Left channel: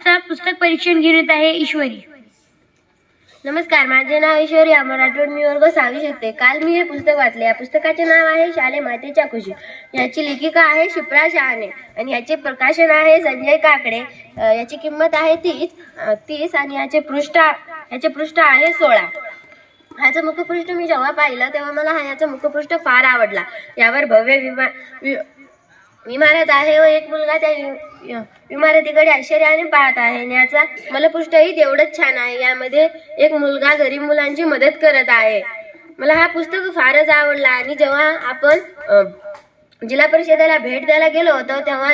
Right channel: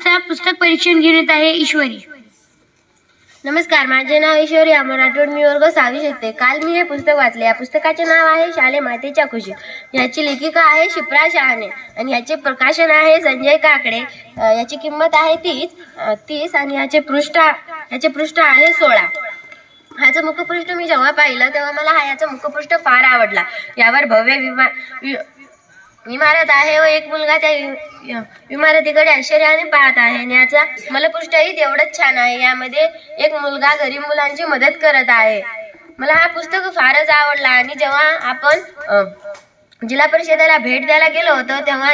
पुस्तकाचा पुस्तक परीक्षण घेऊन येत आहे ईश्वरी. नमस्कार माझे नाव ईश्वरी अमर राठोड. मी वर्ग सहावी शकते काल मी हे पुस्तक वाचले. या पुस्तकाचे नाव आहे शाले मातेच्या खुशी. याची लेखिका आहे शिप्रा शहाणे आणि याचे प्रकाशन आहे संजय काकडे. याची किंमत आहे तीस तीस आणि याचे पृष्ठ याचे पृष्ठ आहे सोळा. ह्याचं मुखपृष्ठ मी जेव्हा पाहिलं तेव्हा मला हा याचा मुखपृष्ठ फार आवडला. यावर भव्य विमा इमारत आहे व एक मुलगा त्या इमारतीकडे आश्चर्याने पाहत आहे. आणि याचा मलपृष्ठही तेवढंच छान आहे. यामध्ये एक मुलगा गरीब मुलांची मदत करत आहे. मला हा पुस्तक फारच आवडला आणि जेव्हा आपण जिल्हा परिषदेला भेट द्यायला गेलो होतो तेव्हा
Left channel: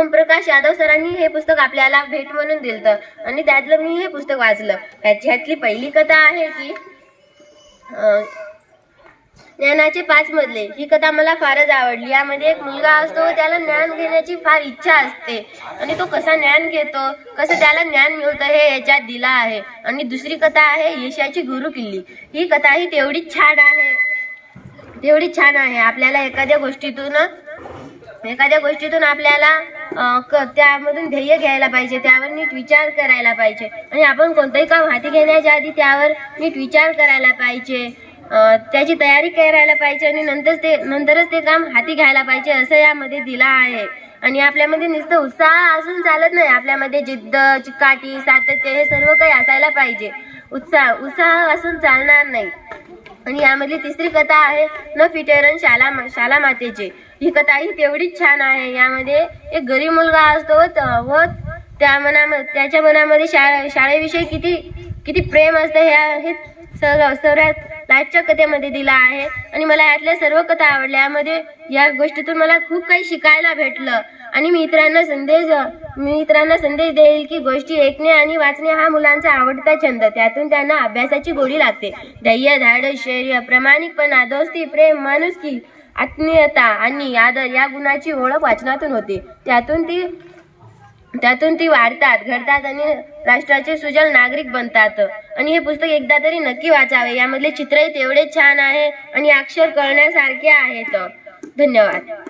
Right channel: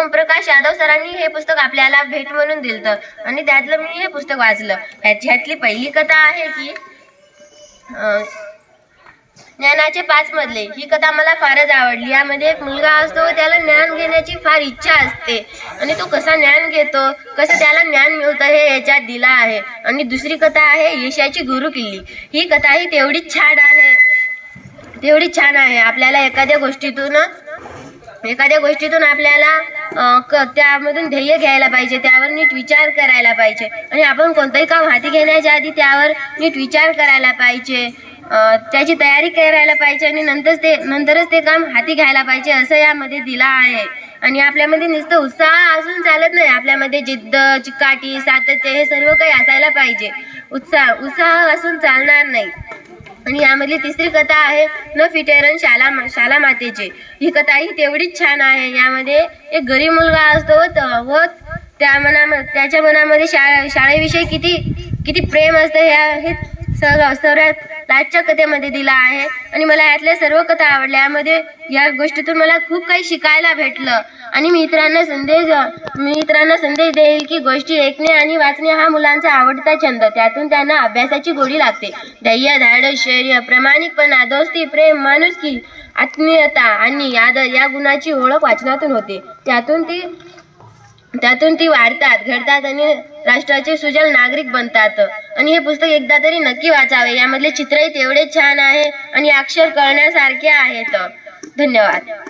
ओमप्रकाश यादव सरांनी हे पुस्तक आपल्याला भेट म्हणून दिलं आणि त्यातलं मी हे पुस्तक वाचलं. ह्याची ह्यातली पहिली कथा आहे की ज्ञानाचे पाच मधले ही कथा मला फारच आवडली. यामध्ये एक मुलगा असतो त्याला ज्ञान घेण्याची फार इच्छा असते. आणि तो कसा ज्ञान घेतो कसं त्याला ज्ञान मिळतं हे याच्यात दिला आहे. आणि दुसरी कथा आहे यशाची गुरु किल्ली ही कथा ही तेवढीच छान आहे. तेवढीच छान आहे. आपल्याला एखाद्या गोष्टीतून एखाद्या गोष्टीतून आपल्याला क- त्यामधून ध्येय घ्यायला पाहिजे. त्यावर नीट विचार करायला पाहिजे. आणि आपण कोणतंही काम हाती घेण्याच्या आधी त्यावर नीट विचार करायला पाहिजे. त्याची तयारी करायला पाहिजे आणि नंतर ते नंतरच ते काम हाती घ्यायला पाहिजे असं यामध्ये दिलं आहे. आणि आपल्यामध्ये नुसतं उत्साह असून चालत नाही. आपल्यामध्ये जिद्द चिकाटी सातत्य हे सर्व काही असायला पाहिजे. उत्साह उत्साह असून चालणार नाही. आणि यामधली तिसरी कथा आहे न फिटेरन शाला शाला मातेचे. ही कथा ही तेवढीच छान आहे. यामध्ये एक गरीब मुलगा असतो व त- व त्या मना त्याच्या मनामध्ये शाळा शाळेविषयी किती किती प्रेम असतं हे हे कथेमध्ये दिला आहे. आणि मला यातल्या सर्व कथा आवडल्या. यामध्ये या गोष्टीतून मला खूप काही शिकायला भेटलं. आणि मी इतरांना संदेश मी इतरांना संदेश देईल की गोष्टी ऐकणे आणि वाचणे हा मुलांचा आवडता छंद. त्यातून त्यांना अभ्यासाची गोडी लागते. धैर्य धाडस शौर्य प्रामाणिकपणा दोस्ती प्रेम माणुसकी आत्मीयता आणि आदर या गुणाची ओळख वाचनातून होते. त्यातून ती त्यातून ती वाढतात घडतात आणि राष्ट्राचे सुजल नागरिक बनतात. आणि हे पुस्तक एकदा तरी नक्की वाचावे. यामधले चित्रही तेवढे छान आहे आणि अक्षर कळण्यासारखे आहेत. धन्यवाद.